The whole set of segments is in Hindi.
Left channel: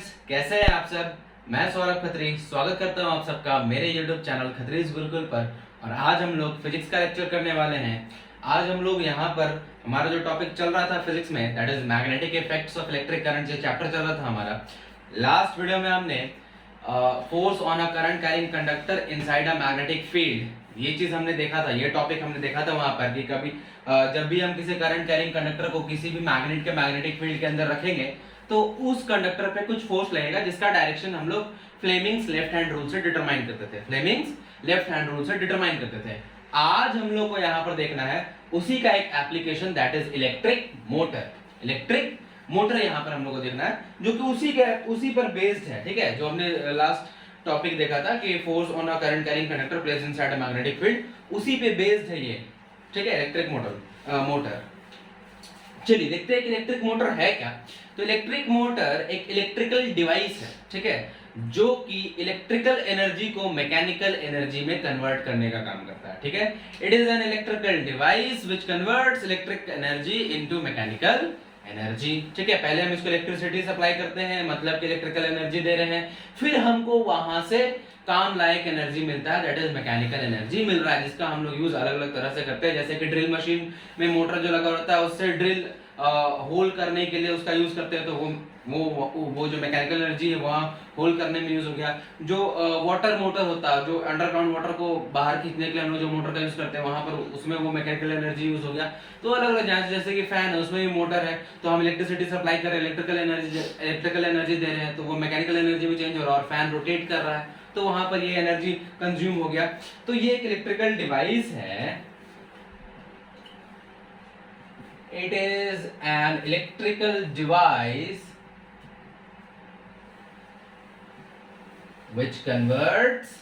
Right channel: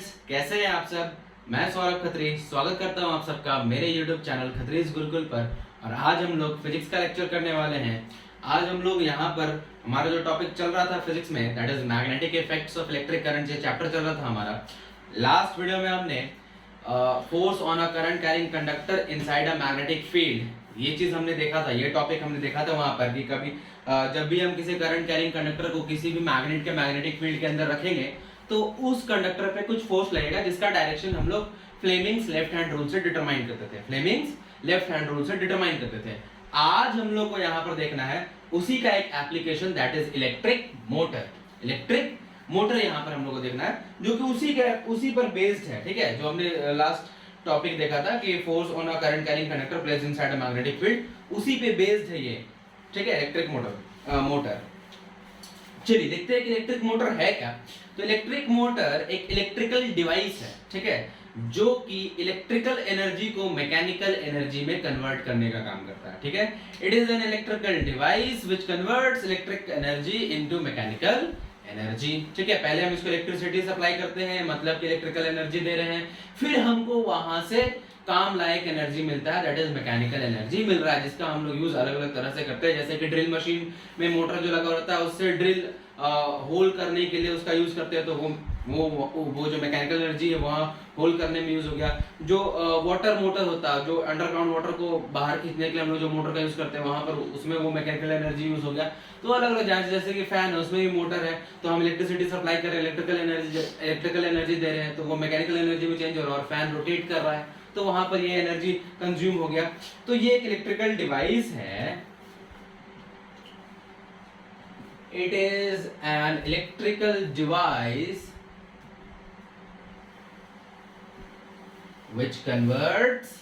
स्टूडेंट्स, कैसे हैं आप सब। मैं सौरभ खत्री स्वागत करता हूं आप सबका मेरे यूट्यूब चैनल खत्रीज गुरुकुल पर। और आज हम लोग फिजिक्स का लेक्चर करने वाले हैं। आज हम लोग यहाँ पर हमारा जो टॉपिक चल रहा था फिजिक्स में, that is magnetic effects of electric current, ये चैप्टर चल रहा था हमारा। लास्ट वीडियो में हमने force on a current carrying conductor inside a magnetic field, ये चीज हमने देखा था, ये टॉपिक हमने देखा था वहां पर कि कभी जब भी हम किसी करंट कैरिंग कंडक्टर को किसी भी मैग्नेट के मैग्नेटिक फील्ड के अंदर रखेंगे तो उस कंडक्टर पे कुछ फोर्स लगेगा जिसका डायरेक्शन हम लोग फ्लेमिंग्स लेफ्ट हैंड रूल से डिटरमाइन करते थे। फ्लेमिंग्स लेफ्ट हैंड रूल से डिटरमाइन करते थे। आज हम लोग को यहाँ पर देखना है उसी का एक application, that is electric motor. Electric motor यहाँ पर हम लोग को देखना है जो कि उसी पर बेस्ड है। ठीक है, जो हमने लास्ट टॉपिक देखा था कि force on a current carrying conductor placed inside a magnetic field, उसी पे बेस्ड है ये। ठीक है, इलेक्ट्रिक मोटर। चलिए देखते हैं कि इलेक्ट्रिक मोटर है क्या। तो इलेक्ट्रिक मोटर एक इलेक्ट्रिकल डिवाइस है, ठीक है, जो कि इलेक्ट्रिकल एनर्जी को मैकेनिकल एनर्जी में कन्वर्ट करने का काम करता है। ठीक है, it is an electrical device which converts electric energy into mechanical energy. ठीक है, पहले हम इसको इलेक्ट्रिसिटी सप्लाई करते हैं, मतलब कि इलेक्ट्रिकल एनर्जी दे रहे हैं, फिर हमको वहां से काम लायक एनर्जी मिलता है, दैट इज मैकेनिकल एनर्जी मिल रहा है, जिसका हम लोग यूज अलग अलग तरह से करते हैं। जैसे कि ड्रिल मशीन में मोटर जो लगा होता है उससे ड्रिल होल करने के लिए उसका यूज करते हैं, तो वो जो मैकेनिकल एनर्जी है वहाँ होल करने में यूज हो गया। जो वाटर मोटर होता है, जो अंडरग्राउंड वाटर को बाहर खींचने के लिए हम लोग जो मोटर का यूज करते हैं वहां पर उसमें वो मैकेनिकल एनर्जी यूज हो गया। तो अलग अलग जैसे कि फैन है उसमें भी मोटर है, तो हम इलेक्ट्रिसिटी सप्लाई कर रहे हैं, इलेक्ट्रिकल एनर्जी दे रहे हैं, तो वो मैकेनिकल एनर्जी में चेंज हो रहा है और फैन रोटेट कर रहा है, तो वहां पर ये एनर्जी कंज्यूम हो गया। तो ये एक इलेक्ट्रिकल डिवाइस है। It is an electrical device which converts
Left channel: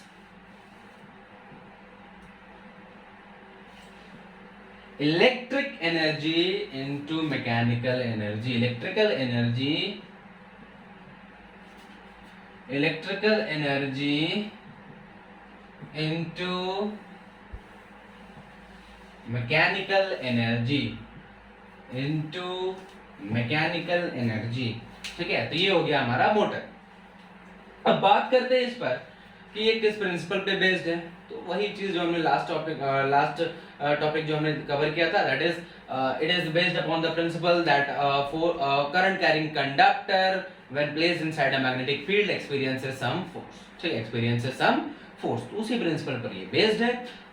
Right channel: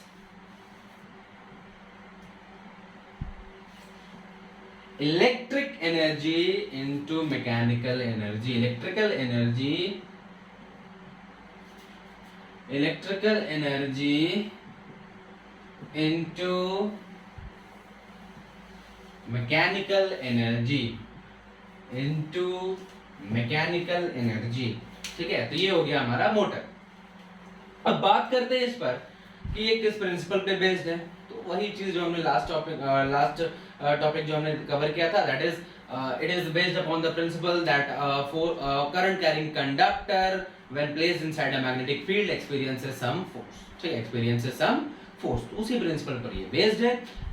electric energy into mechanical energy. Electrical energy into mechanical energy। ठीक है, तो ये हो गया हमारा मोटर। अब बात करते हैं इस पर कि ये किस प्रिंसिपल पे बेस्ड है। तो वही चीज जो हमने लास्ट टॉपिक जो हमने कवर किया था, that is it is based upon the principle that for current carrying conductor when placed inside a magnetic field experiences some force. ठीक है, एक्सपीरियंसेस सम फोर्स, तो उसी प्रिंसिपल पर ये बेस्ड है।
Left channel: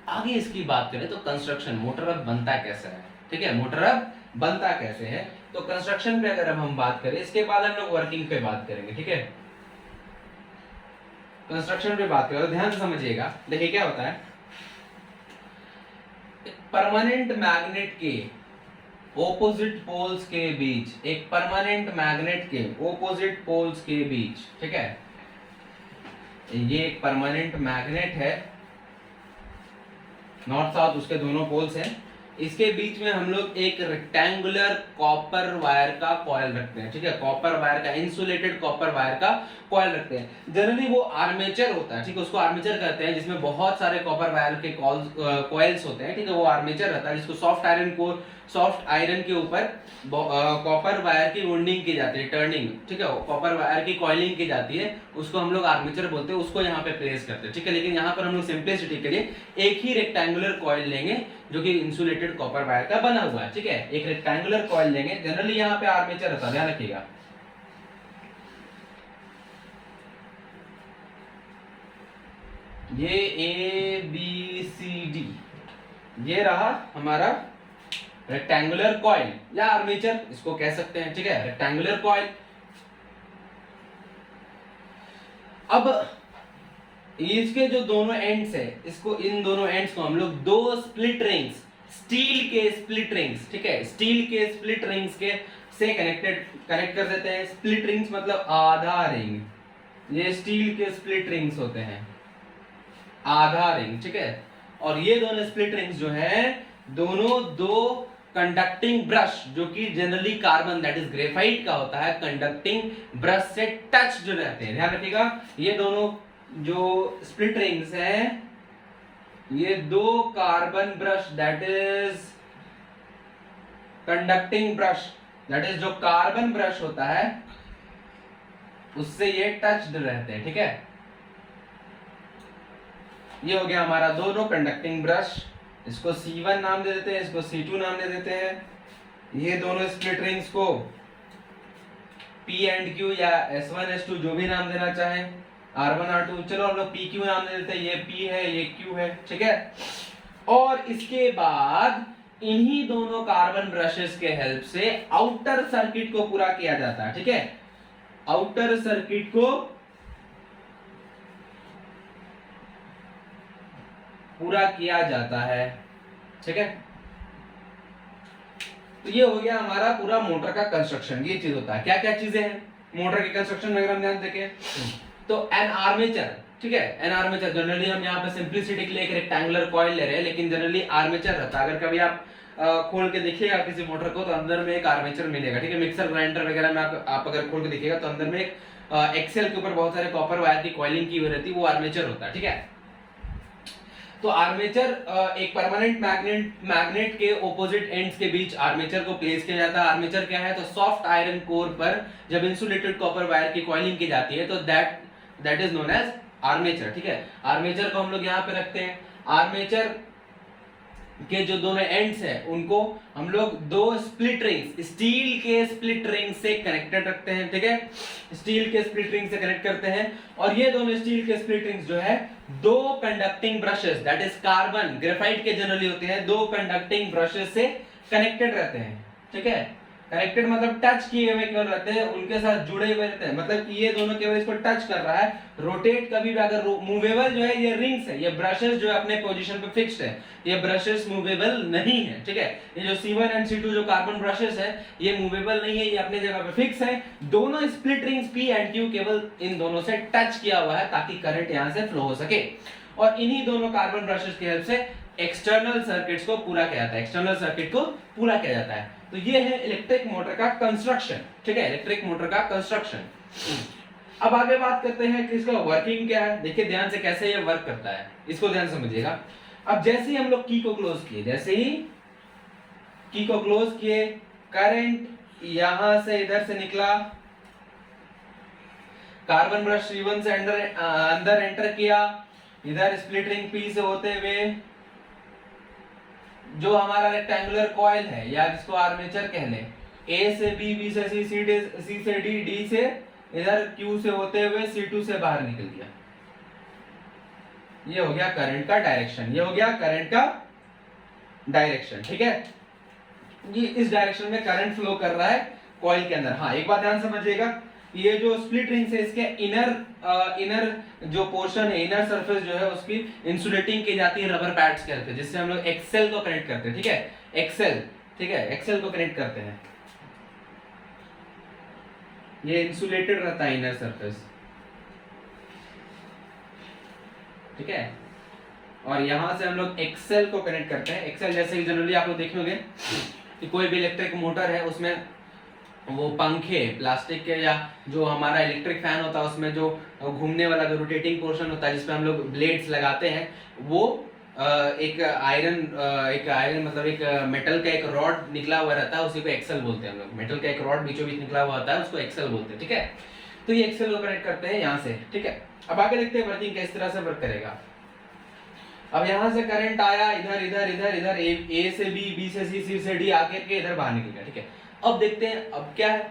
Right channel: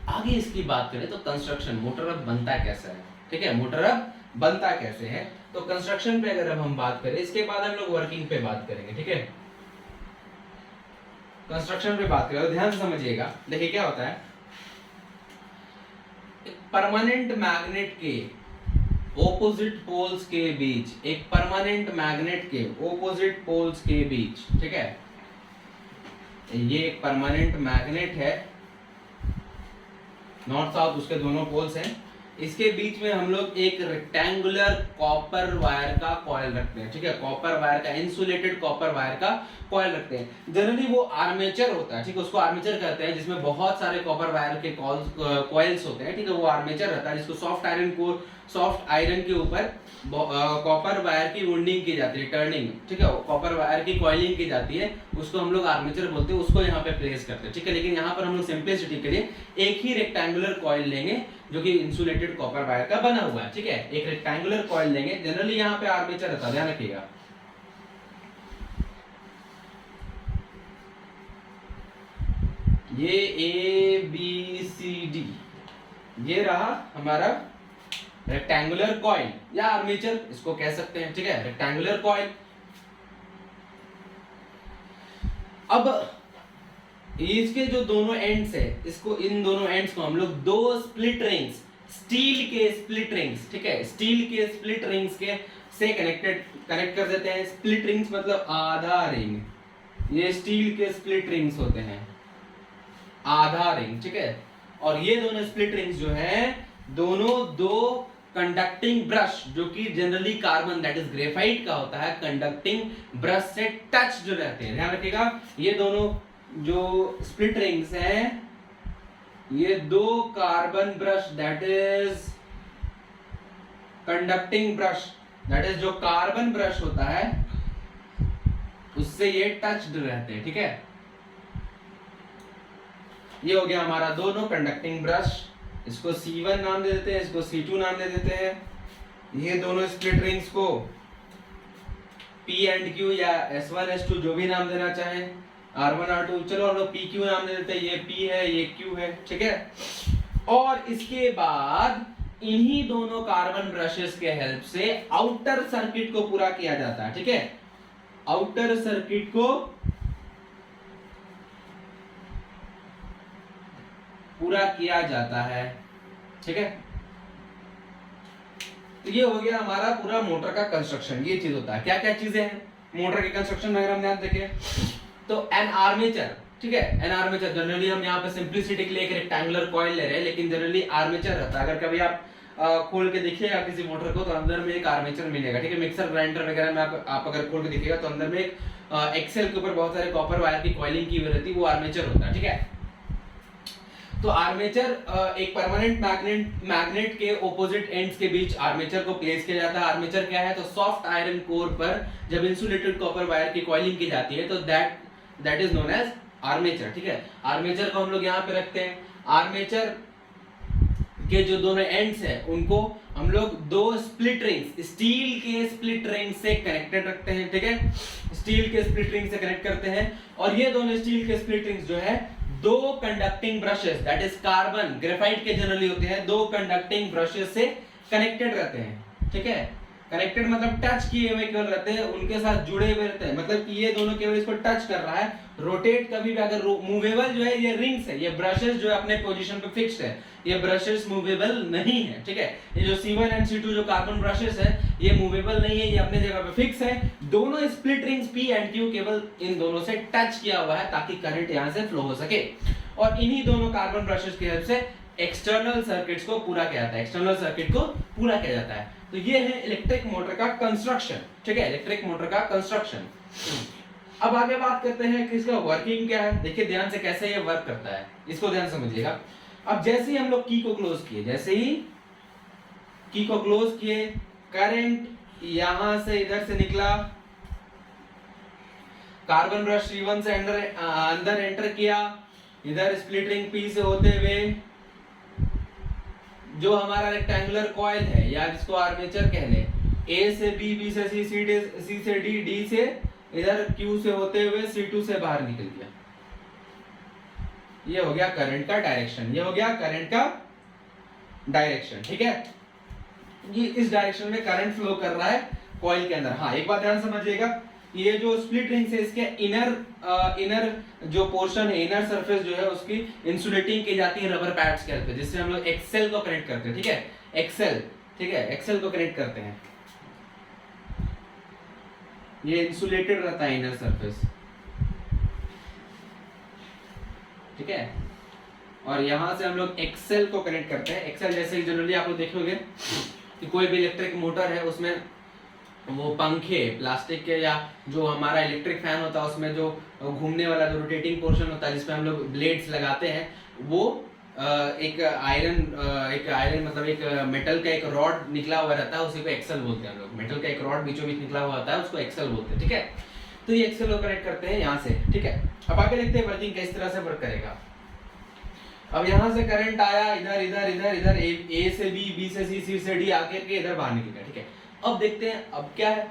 आगे इसकी बात करें तो कंस्ट्रक्शन, मोटर अब बनता कैसे है। ठीक है, मोटर अब बनता कैसे है, तो कंस्ट्रक्शन पे अगर अब हम बात करें, इसके बाद हम लोग वर्किंग पे बात करेंगे। ठीक है, कंस्ट्रक्शन पे बात करें, ध्यान से समझिएगा। देखिए क्या होता है, परमानेंट मैग्नेट के ऑपोजिट पोल्स के बीच, एक परमानेंट मैग्नेट के ऑपोजिट पोल्स के बीच, ठीक है, ये एक परमानेंट मैग्नेट है, नॉर्थ साउथ उसके दोनों पोल्स हैं, इसके बीच में हम लोग एक रेक्टेंगुलर कॉपर वायर का कॉइल रखते हैं। ठीक है, कॉपर वायर का, इंसुलेटेड कॉपर वायर का कॉइल रखते हैं। जनरली वो आर्मेचर होता है, ठीक है, उसको आर्मेचर कहते हैं, जिसमें बहुत सारे कॉपर वायर के कॉइल्स होते हैं। ठीक है, वो आर्मेचर रहता है, जिसको सॉफ्ट आयरन के ऊपर कॉपर वायर की वुंडिंग की जाती है, टर्निंग। ठीक है, कॉपर वायर की कॉइलिंग की जाती है, उसको हम लोग आर्मेचर बोलते हैं, उसको यहाँ पे प्लेस करते हैं। ठीक है, लेकिन यहाँ पर हम लोग सिंपलिसिटी के लिए एक ही रेक्टेंगुलर कॉइल लेंगे जो कि इंसुलेटेड कॉपर वायर का बना हुआ है। ठीक है, एक रेक्टेंगुलर कॉइल लेंगे, जनरली यहाँ पे आर्मेचर रहता है, ध्यान रखिएगा। ये ए बी सी डी, ये रहा हमारा रेक्टेंगुलर कॉइल या आर्मेचर इसको कह सकते हैं। ठीक है, रेक्टेंगुलर कॉइल। अब इसके जो दोनों एंड्स है, इसको, इन दोनों एंड्स को हम लोग दो स्प्लिट रिंग्स, स्टील के स्प्लिट रिंग्स, ठीक है, स्टील के स्प्लिट रिंग्स के से कनेक्ट कर देते हैं। स्प्लिट रिंग्स मतलब आधा रिंग, ये स्टील के स्प्लिट रिंग्स होते हैं, आधा रिंग। ठीक है, और ये दोनों स्प्लिट रिंग्स जो है, दोनों दो कंडक्टिंग ब्रश, जो कि generally carbon that is graphite का होता है, कंडक्टिंग ब्रश से टच जो रहते हैं। ध्यान रखिएगा, ये दोनों जो स्प्लिट रिंग्स हैं, ये दो carbon brush, that is conducting brush, that is जो कार्बन ब्रश होता है, उससे ये टच्ड रहते हैं, ठीक है। ये हो गया हमारा दोनों कंडक्टिंग ब्रश, इसको C1 नाम दे देते हैं, इसको C2 नाम दे देते हैं। ये दोनों स्प्लिट रिंग्स को P एंड Q या S1 S2 जो भी नाम देना चाहें, R1 R2, चलो हम लोग PQ नाम दे देते हैं, ये P है ये Q है, ठीक है। और इसके बाद इन्हीं दोनों कार्बन ब्रशेस के हेल्प से आउटर सर्किट को पूरा किया जाता है, ठीक है। आउटर सर्किट को पूरा किया जाता है, ठीक है। तो ये हो गया हमारा पूरा मोटर का कंस्ट्रक्शन। ये चीज होता है, क्या क्या चीजें हैं मोटर के कंस्ट्रक्शन में अगर हम ध्यान देखें तो एन आर्मेचर, ठीक है। एन आर्मेचर जनरली हम यहाँ पे सिंपलिसिटी के लिए एक रेक्टेंगुलर कॉइल ले रहे हैं, लेकिन जनरली आर्मेचर रहता है। अगर कभी आप खोल के देखिएगा किसी मोटर को तो अंदर में एक आर्मेचर मिलेगा, ठीक है। मिक्सर ग्राइंडर वगैरह में आप अगर खोल के देखिएगा तो अंदर में एक एक्सेल के ऊपर बहुत सारे कॉपर वायर की कॉइलिंग की हुई रहती है, वो आर्मेचर होता है, ठीक है। तो आर्मेचर एक परमानेंट मैग्नेट के ऑपोजिट एंड्स के बीच आर्मेचर को प्लेस किया जाता है। आर्मेचर क्या है, तो सॉफ्ट आयरन कोर पर जब इंसुलेटेड कॉपर वायर की कॉइलिंग की जाती है तो that is known as armature, ठीक है। आर्मेचर को हम लोग यहाँ पे रखते हैं। आर्मेचर के जो दोनों एंड्स हैं उनको हम लोग दो स्प्लिट रिंग्स, स्टील के स्प्लिट रिंग से कनेक्टेड रखते हैं, ठीक है। स्टील के स्प्लिट रिंग से कनेक्ट करते हैं और ये दोनों स्टील के स्प्लिट रिंग्स जो है दो conducting brushes, that is carbon graphite के जनरली होते हैं, दो कंडक्टिंग ब्रशेस से कनेक्टेड रहते हैं, ठीक है। कनेक्टेड मतलब टच किए हुए केवल रहते हैं, उनके साथ जुड़े हुए रहते हैं, मतलब कि ये दोनों केवल इसको टच कर रहा है। रोटेट कभी भी अगर मूवेबल जो है ये रिंग्स है, ये ब्रशेस जो है अपने पोजीशन पे फिक्स्ड है, ये ब्रशेस मूवेबल नहीं है, ठीक है। ये जो C1 एंड C2 जो कार्बन ब्रशेस है ये मूवेबल नहीं है, ये अपने जगह पे फिक्स है। दोनों split rings P and Q केवल इन दोनों से टच किया हुआ है ताकि करंट यहां से फ्लो हो सके। और इन्हीं दोनों कार्बन ब्रशेस की हेल्प से एक्सटर्नल सर्किट्स को पूरा किया जाता है, एक्सटर्नल सर्किट को पूरा किया जाता है। तो ये है इलेक्ट्रिक मोटर का कंस्ट्रक्शन, ठीक है। इलेक्ट्रिक मोटर का कंस्ट्रक्शन। अब आगे बात करते हैं कि इसका वर्किंग क्या है। देखिए ध्यान से कैसे ये वर्क करता है, इसको ध्यान से समझिएगा। अब जैसे ही हम लोग की को क्लोज किए, जैसे ही की को क्लोज किए, करंट यहां से इधर से निकला, कार्बन ब्रश C1 से अंदर एंटर किया, इधर स्प्लिट रिंग P से होते हुए जो हमारा रेक्टेंगुलर कॉइल है या जिसको आर्मेचर कह ले, A से B, B से C, C से D, D से इधर Q से होते हुए C2 से बाहर निकल गया। ये हो गया करंट का डायरेक्शन, ये हो गया करंट का डायरेक्शन, ठीक है। ये इस डायरेक्शन में करंट फ्लो कर रहा है कॉइल के अंदर। हाँ, एक बात ध्यान समझिएगा, ये जो स्प्लिट रिंग्स है इसके इनर जो पोर्शन है, इनर सरफेस जो है उसकी इंसुलेटिंग की जाती है रबर पैड्स के हेल्प से, जिससे हम लोग एक्सेल को कनेक्ट करते हैं, ठीक है। एक्सेल, ठीक है, एक्सेल को कनेक्ट करते हैं। ये इंसुलेटेड रहता है इनर सरफेस, ठीक है। और यहां से हम लोग एक्सेल को कनेक्ट करते हैं। एक्सेल जैसे जनरली आप लोग देखोगे कि कोई भी इलेक्ट्रिक मोटर है उसमें वो पंखे प्लास्टिक के या जो हमारा इलेक्ट्रिक फैन होता है उसमें जो घूमने वाला जो रोटेटिंग पोर्शन होता है जिसपे हम लोग ब्लेड्स लगाते हैं, वो एक आयरन मतलब एक मेटल का एक रॉड निकला हुआ रहता है, उसी को एक्सेल बोलते हैं हम लोग। मेटल का एक रॉड बीचों बीच निकला हुआ होता है, उसको एक्सेल बोलते हैं, ठीक है। तो ये एक्सेल को कनेक्ट करते हैं यहाँ से, ठीक है। अब आगे देखते हैं वर्किंग किस तरह से वर्क करेगा। अब यहाँ से करंट आया, इधर इधर इधर इधर ए से बी, बी से सी, सी से डी आके के इधर बाहर निकल गया, ठीक है। अब देखते हैं अब क्या है,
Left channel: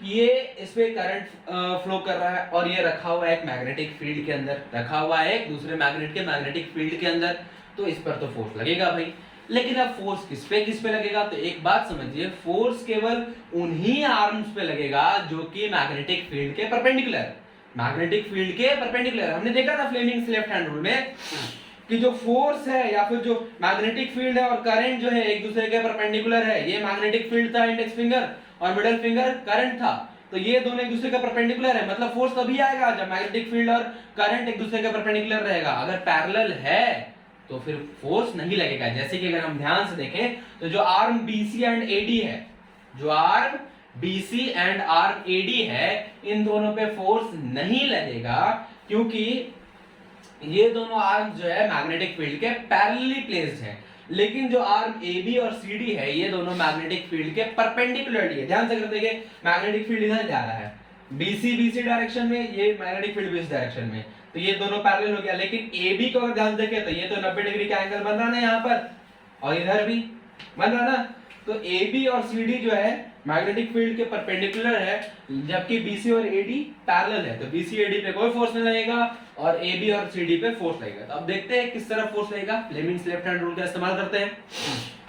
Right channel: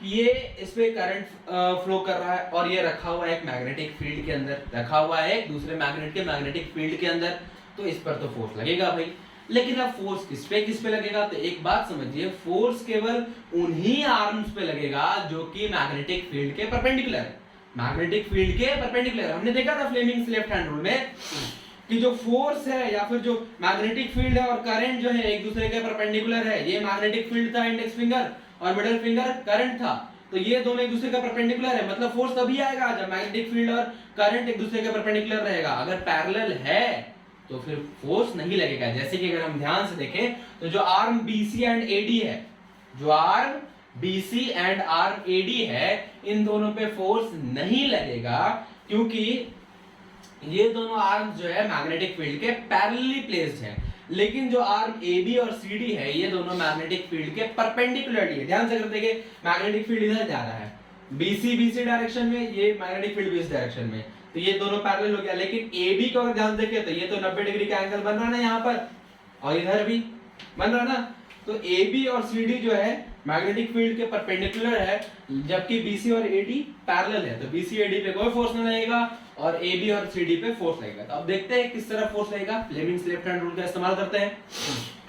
ये इसमें करंट फ्लो कर रहा है और ये रखा हुआ है एक मैग्नेटिक फील्ड के अंदर, रखा हुआ है एक दूसरे मैग्नेट के मैग्नेटिक फील्ड के अंदर। तो इस पर तो फोर्स लगेगा भाई, लेकिन अब फोर्स किस पे लगेगा, तो एक बात समझिए, फोर्स केवल उन्हीं आर्म्स पे लगेगा जो कि मैग्नेटिक फील्ड के परपेंडिकुलर, मैग्नेटिक फील्ड के परपेंडिकुलर। हमने देखा था फ्लेमिंग्स लेफ्ट हैंड रूल में कि जो फोर्स है या फिर जो मैग्नेटिक फील्ड है और करंट जो है एक दूसरे के परपेंडिकुलर है। ये मैग्नेटिक फील्ड था इंडेक्स फिंगर और मिडिल फिंगर करंट था, तो ये दोनों एक दूसरे का परपेंडिकुलर है, मतलब फोर्स तभी आएगा जब मैग्नेटिक फील्ड और करंट एक दूसरे के परपेंडिकुलर रहेगा। अगर पैरेलल है तो फिर फोर्स नहीं लगेगा। जैसे कि अगर हम ध्यान से देखें तो जो आर्म BC एंड AD है, जो arm BC and arm AD है, इन दोनों पे फोर्स नहीं लगेगा क्योंकि ये दोनों आर्म जो है मैग्नेटिक फील्ड के पैरेलली प्लेस्ड है। लेकिन जो आर्म AB और CD है ये दोनों मैग्नेटिक फील्ड के परपेंडिकुलरली है। ध्यान से कर देखिए, मैग्नेटिक फील्ड इधर जा रहा है, BC डायरेक्शन में, ये मैग्नेटिक फील्ड भी इस डायरेक्शन में, तो ये दोनों पैरेलल हो गया। लेकिन AB को अगर ध्यान देखें तो ये तो 90 डिग्री का एंगल बन रहा ना यहाँ पर, और इधर भी बन रहा ना, तो AB और CD जो है मैग्नेटिक फील्ड के परपेंडिकुलर है, जबकि BC और AD पैरेलल है, तो BC AD पे कोई फोर्स नहीं लगेगा और AB और CD पे फोर्स लगेगा। तो अब देखते हैं किस तरह फोर्स लगेगा। लेमिंग्स लेफ्ट हैंड रूल का इस्तेमाल करते हैं।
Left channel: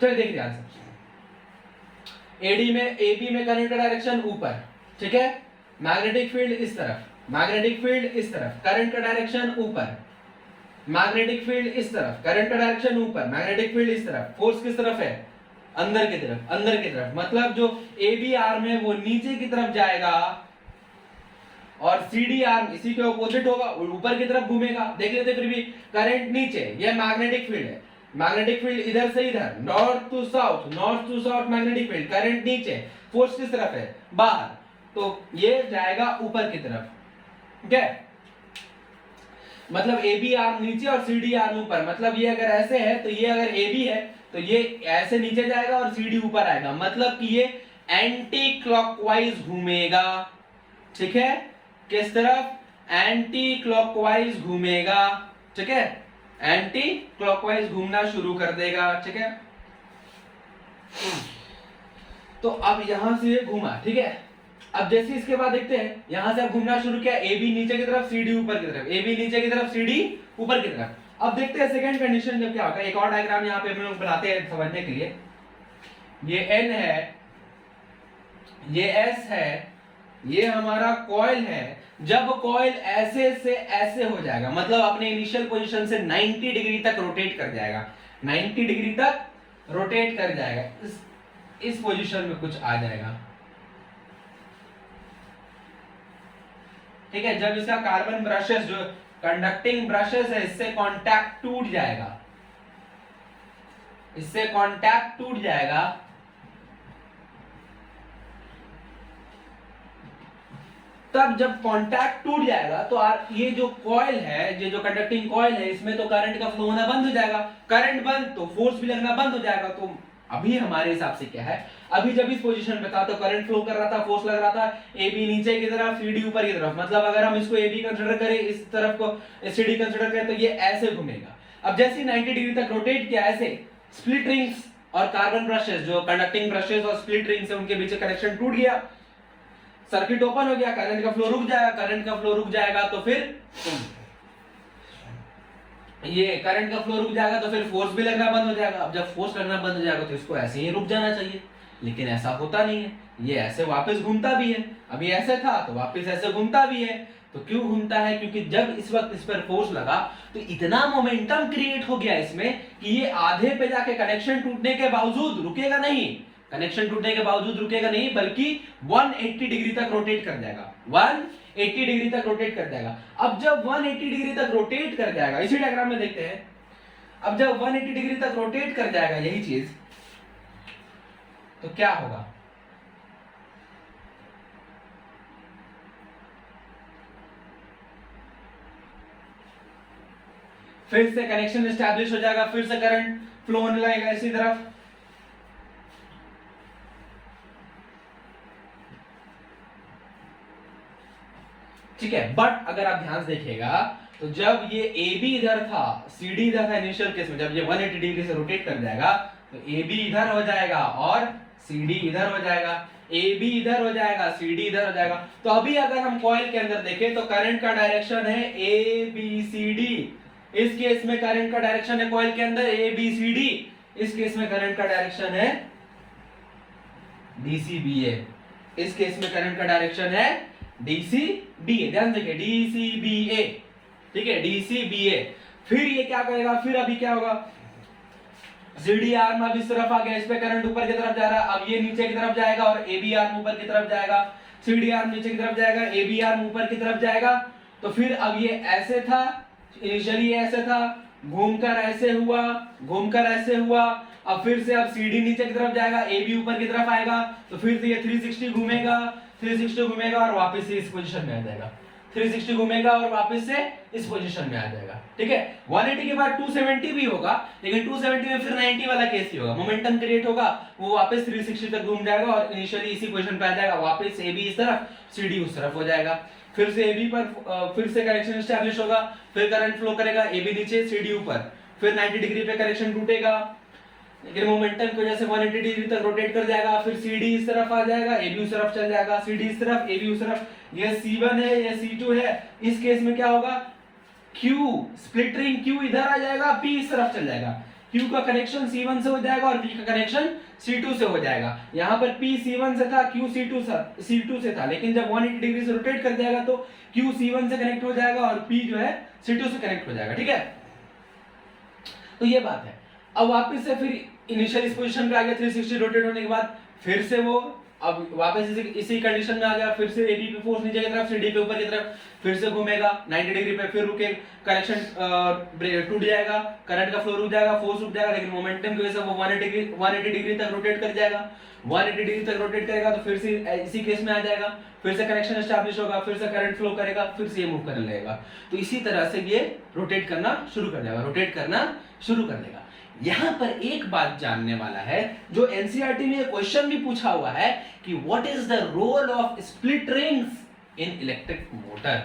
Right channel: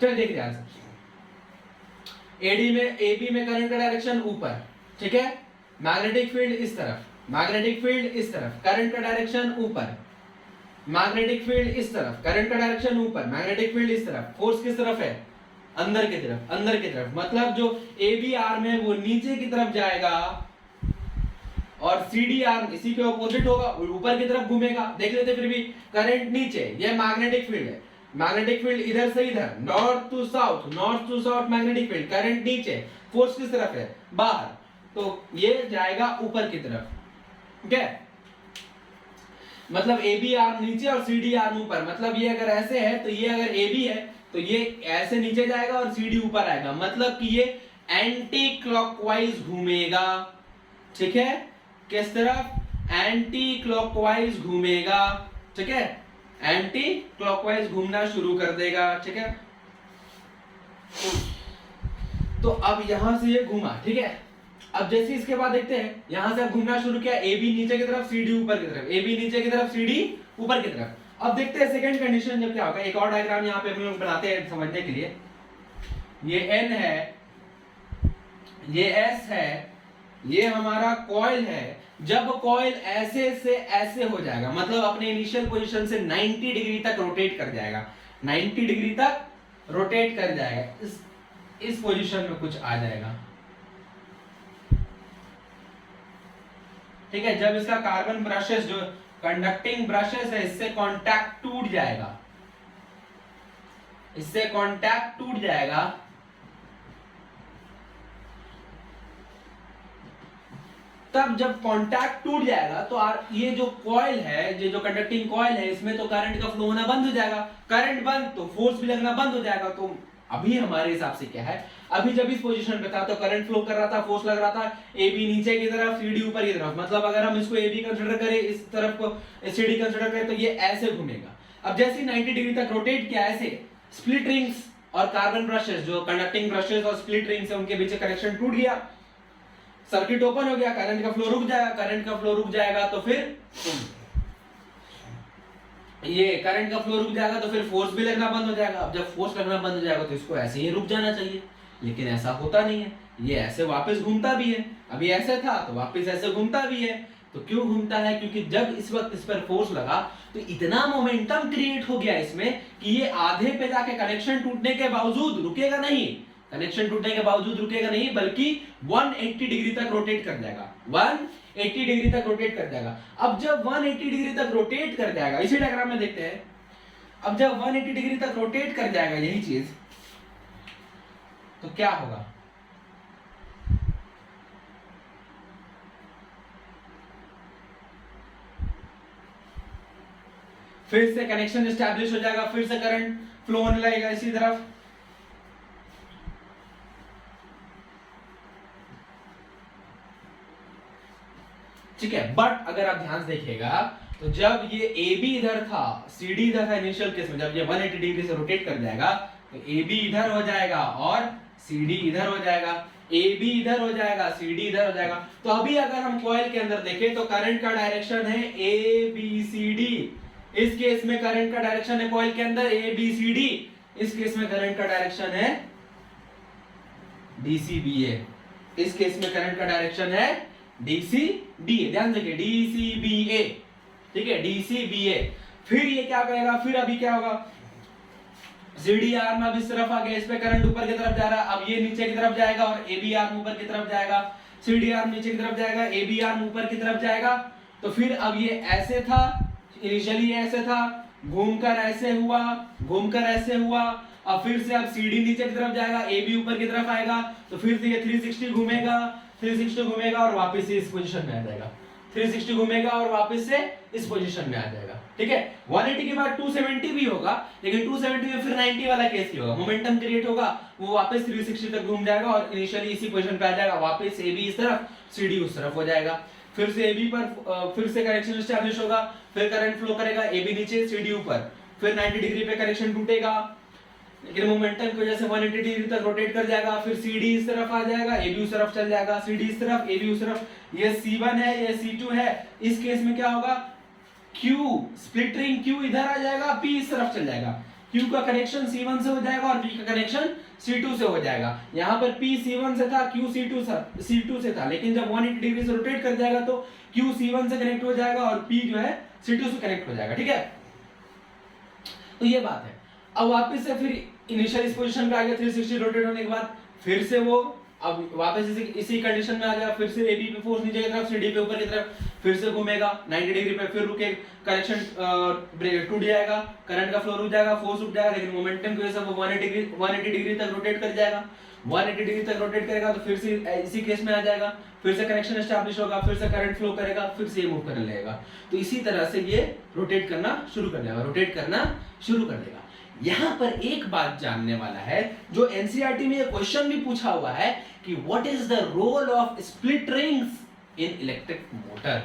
चलिए देखिए ध्यान से। AB में करंट का डायरेक्शन ऊपर, ठीक है, मैग्नेटिक फील्ड इस तरफ, मैग्नेटिक फील्ड इस तरफ, करंट का डायरेक्शन ऊपर, मैग्नेटिक फील्ड इस तरफ, करंट का डायरेक्शन ऊपर, मैग्नेटिक फील्ड इस तरफ, फोर्स किस तरफ है, अंदर की तरफ, अंदर की तरफ, मतलब जो AB आर्म है वो नीचे की तरफ जाएगा और CD आर्म इसी के ऑपोजिट होगा, ऊपर की तरफ घूमेगा। देख लेते फिर भी, करंट नीचे, ये मैग्नेटिक फील्ड है, मैग्नेटिक फील्ड इधर से इधर, north to south magnetic field, current नीचे, फोर्स किस तरफ है, बाहर, तो ये जाएगा ऊपर की तरफ, ठीक है। मतलब AB आर्म नीचे और CD आर्म ऊपर, मतलब ये अगर ऐसे है तो ये अगर AB है तो ये ऐसे नीचे जाएगा और CD ऊपर आएगा, मतलब कि ये एंटी क्लॉकवाइज घूमेगा, ठीक है, किस तरफ, एंटी क्लॉकवाइज घूमेगा, ठीक है, एंटी क्लॉकवाइज घूमना शुरू कर देगा, ठीक है। तो अब यहां से ये घूमा, ठीक है। अब जैसे इसके बाद देखते हैं, यहां से अब घूमना शुरू किया, AB नीचे की तरफ, CD ऊपर की तरफ, AB नीचे की तरफ, CD ऊपर की तरफ। अब देखते हैं सेकंड कंडीशन जब क्या होगा। एक और डायग्राम यहां पे हम लोग बनाते हैं समझने के लिए। ये N है, ये S है, ये हमारा कॉइल है। जब कॉइल ऐसे से ऐसे हो जाएगा, मतलब अपने इनिशियल पोजीशन से 90 डिग्री तक रोटेट कर जाएगा, 90 डिग्री तक रोटेट कर जाएगा, इस पोजीशन में कुछ आ जाएगा, ठीक है। जब इसका कार्बन ब्रशेस, जो कंडक्टिंग ब्रशेस है, इससे कांटेक्ट टूट जाएगा, इससे कांटेक्ट टूट जाएगा, तब जब कांटेक्ट टूट जाएगा तो ये जो कॉइल है, ये जो कंडक्टिंग कॉइल है, इसमें तो करंट का फ्लो होना बंद हो जाएगा, करंट बंद तो फोर्स भी लगना बंद हो जाएगा। तो अभी हमारे हिसाब से क्या है, अभी जब इस पोजीशन पे था तो करंट फ्लो कर रहा था, फोर्स लग रहा था, AB नीचे की तरफ, CD ऊपर की तरफ, मतलब अगर हम इसको AB कंसीडर करें, इस तरफ को CD कंसीडर करें, तो ये ऐसे घूमेगा। अब जैसे 90 डिग्री तक रोटेट किया, ऐसे स्प्लिट रिंग्स और कार्बन ब्रशेस, जो कंडक्टिंग ब्रशेस और स्प्लिट रिंग्स है, उनके बीच कनेक्शन टूट गया, सर्किट ओपन हो गया, करंट का फ्लो रुक जाएगा, करंट का फ्लो रुक जाएगा तो फिर ये करंट का फ्लो रुक जाएगा तो फिर फोर्स भी लगना बंद हो जाएगा। अब जब फोर्स लगना बंद हो जाएगा तो इसको ऐसे ही रुक जाना चाहिए, लेकिन ऐसा होता नहीं है, ये ऐसे वापस घूमता भी है। अभी ऐसे था तो वापस ऐसे घूमता भी है। तो क्यों घूमता है? क्योंकि जब इस वक्त इस पर फोर्स लगा तो इतना मोमेंटम क्रिएट हो गया इसमें कि ये आधे पे जाके कनेक्शन टूटने के बावजूद रुकेगा नहीं, कनेक्शन टूटने के बावजूद रुकेगा नहीं, बल्कि 180 डिग्री तक रोटेट कर जाएगा, 180 डिग्री तक रोटेट कर जाएगा। अब जब 180 डिग्री तक रोटेट कर जाएगा, इसी डायग्राम में देखते हैं, अब जब 180 डिग्री तक रोटेट कर जाएगा यही चीज, तो क्या होगा? फिर से कनेक्शन एस्टैब्लिश हो जाएगा, फिर से करंट फ्लो होने लगेगा इसी तरफ, ठीक है। बट अगर आप ध्यान से देखिएगा तो जब ये AB इधर था, CD इधर था इनिशियल केस में, जब ये 180 डिग्री से रोटेट कर जाएगा तो AB इधर हो जाएगा और CD इधर हो जाएगा, AB इधर हो जाएगा, CD इधर हो जाएगा। तो अभी अगर हम कॉइल के अंदर देखें तो करंट का डायरेक्शन है ABCD, इस केस में करंट का डायरेक्शन है कॉइल के अंदर ABCD, इस केस में करंट का डायरेक्शन है DCBA, इस केस में करंट का डायरेक्शन है DCBA, ध्यान देखिए DCBA, ठीक है, DCBA। फिर ये क्या करेगा, फिर अभी क्या होगा, CD आर्म अब इस तरफ आ गया, इस पे करंट ऊपर की तरफ जा रहा है, अब ये नीचे की तरफ जाएगा और AB आर्म ऊपर की तरफ जाएगा, CD आर्म नीचे की तरफ जाएगा, AB आर्म ऊपर की तरफ जाएगा। तो फिर अब ये ऐसे था, इनिशियली ऐसे था, घूमकर ऐसे हुआ, घूमकर ऐसे हुआ, अब फिर से अब CD नीचे की तरफ जाएगा, AB ऊपर की तरफ आएगा, तो फिर से ये 360 घूमेगा, 360 घूमेगा और वापस से इस पोजीशन में आ जाएगा। 360 घूमेगा और वापस से इस पोजीशन में आ जाएगा, ठीक है। 180 के बाद 270 भी होगा, लेकिन 270 में फिर 90 वाला केस ही होगा, मोमेंटम क्रिएट होगा, वो वापस 360 तक घूम जाएगा और इनिशियली इसी पोजीशन पे आ जाएगा, वापस AB इस तरफ, CD उस तरफ हो जाएगा। फिर से AB पर फिर से कनेक्शन एस्टैब्लिश होगा, फिर करंट फ्लो करेगा, AB नीचे CD ऊपर, फिर 90 डिग्री पे कनेक्शन टूटेगा, लेकिन मोमेंटम की वजह से 180 डिग्री तक रोटेट कर जाएगा, फिर CD इस तरफ आ जाएगा, AB उस तरफ चल जाएगा, CD इस तरफ, AB उस तरफ। ये C1 है, ये C2 है, इस केस में क्या होगा, Q स्प्लिट रिंग Q इधर आ जाएगा, P इस तरफ चल जाएगा, Q का कनेक्शन C1 से हो जाएगा और P का कनेक्शन C2 से हो जाएगा। यहाँ पर P C1 से था, Q C2 से था, लेकिन जब 180 डिग्री से रोटेट कर जाएगा तो Q C1 से कनेक्ट हो जाएगा और P जो है C2 से कनेक्ट हो जाएगा, ठीक है। तो ये बात है। अब वापस से फिर इनिशियल इस पोजीशन पे आ गया, 360 रोटेट होने के बाद फिर से वो अब वापस इसी कंडीशन में आ गया, फिर से AB पे फोर्स नीचे की तरफ, CD पे ऊपर की तरफ, फिर से घूमेगा 90 डिग्री पे, फिर रुके, कनेक्शन टूट जाएगा, करंट का फ्लो रुक जाएगा, फोर्स रुक जाएगा, लेकिन मोमेंटम की वजह से वो 180 डिग्री तक रोटेट कर जाएगा। 180 डिग्री तक रोटेट करेगा तो फिर से इसी केस में आ जाएगा, फिर से कनेक्शन एस्टैब्लिश होगा, फिर से करंट फ्लो करेगा, फिर से ये मूव करने लगेगा। तो इसी तरह से ये रोटेट करना शुरू कर देगा, रोटेट करना शुरू कर देगा। यहां पर एक बात जानने वाला है, जो एनसीईआरटी में क्वेश्चन भी पूछा हुआ है कि what is the role of split rings in electric motor.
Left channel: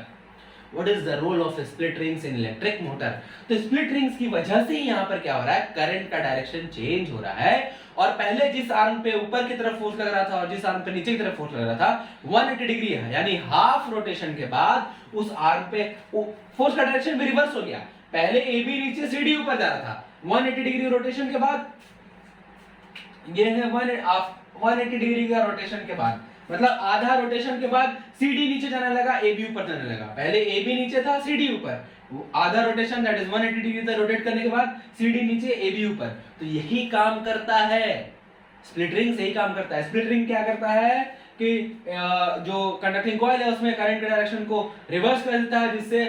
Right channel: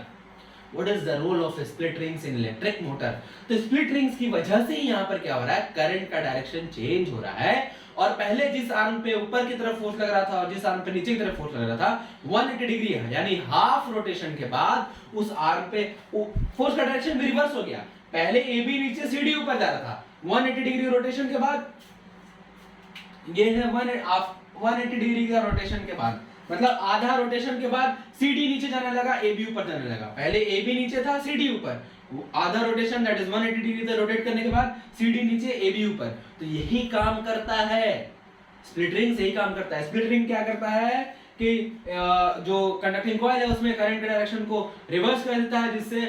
What is the role of split rings in electric motor. तो स्प्लिट रिंग्स की वजह से ही यहां पर क्या हो रहा है, करंट का डायरेक्शन चेंज हो रहा है, और पहले जिस आर्म पे ऊपर की तरफ फोर्स लग रहा था और जिस आर्म पे नीचे की तरफ फोर्स लग रहा था, 180 डिग्री है, यानी हाफ रोटेशन के बाद उस आर्म पे फोर्स का डायरेक्शन भी रिवर्स हो गया। पहले AB नीचे CD ऊपर जा रहा था, 180 डिग्री रोटेशन के बाद ये है 180 डिग्री का रोटेशन के बाद, मतलब आधा रोटेशन के बाद CD नीचे जाने लगा, AB ऊपर जाने लगा। पहले AB नीचे था, CD ऊपर, आधा रोटेशन दैट इज 180 डिग्री तक रोटेट करने के बाद CD नीचे, AB ऊपर। तो यही काम करता है स्प्लिट रिंग, यही काम करता है। स्प्लिट रिंग क्या करता है कि जो कंडक्टिंग कॉइल है उसमें करंट के डायरेक्शन को रिवर्स कर देता है, जिससे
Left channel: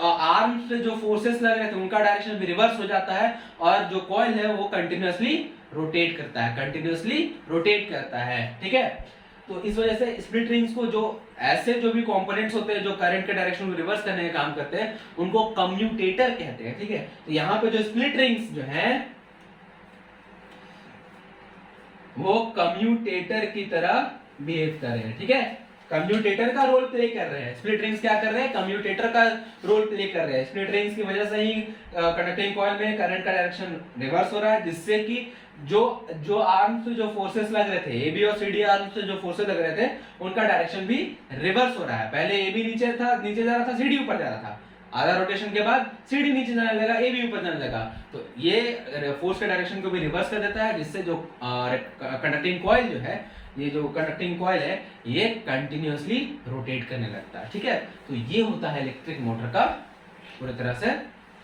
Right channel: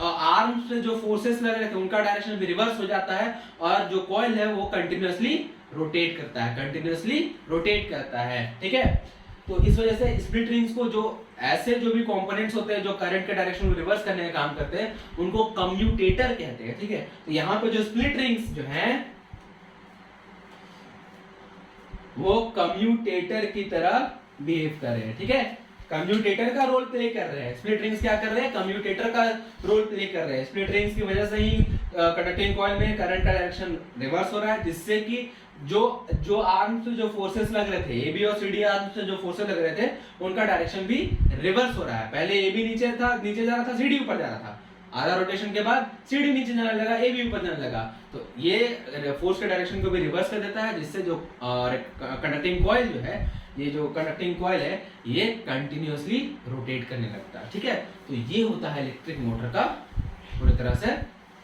आर्म से जो फोर्सेस लग रहे थे उनका डायरेक्शन भी रिवर्स हो जाता है, और जो कॉइल है वो कंटिन्यूअसली रोटेट करता है, कंटिन्यूअसली रोटेट करता है, ठीक है। तो इस वजह से स्प्लिट रिंग्स को जो ऐसे जो भी कंपोनेंट्स होते हैं जो करंट के डायरेक्शन को रिवर्स करने का काम करते हैं उनको कम्यूटेटर कहते हैं, ठीक है। तो यहाँ पे जो स्प्लिट रिंग्स जो हैं वो कम्यूटेटर की तरह बिहेव कर रहे हैं, ठीक है, कम्यूटेटर का रोल प्ले कर रहे हैं। स्प्लिट रिंग्स क्या कर रहे हैं, कम्यूटेटर का रोल प्ले कर रहे हैं। स्प्लिट रिंग्स की वजह से ही कंडक्टिंग कॉइल में करंट का डायरेक्शन रिवर्स हो रहा है, जिससे कि जो आर्म से जो फोर्सेस लग रहे थे, AB और CD आर्म से जो फोर्सेस लग रहे थे उनका डायरेक्शन भी रिवर्स हो रहा है। पहले AB नीचे जा रहा था, CD ऊपर जा रहा था, आधा रोटेशन के बाद CD नीचे जाने लगा, AB ऊपर जाने लगा। तो ये फोर्स के डायरेक्शन को भी रिवर्स कर देता है, जिससे जो कंडक्टिंग कॉइल जो है, ये जो कंडक्टिंग कॉइल है ये कंटिन्यूअसली रोटेट करने लगता है, ठीक है। तो ये होता है इलेक्ट्रिक मोटर का पूरी तरह से,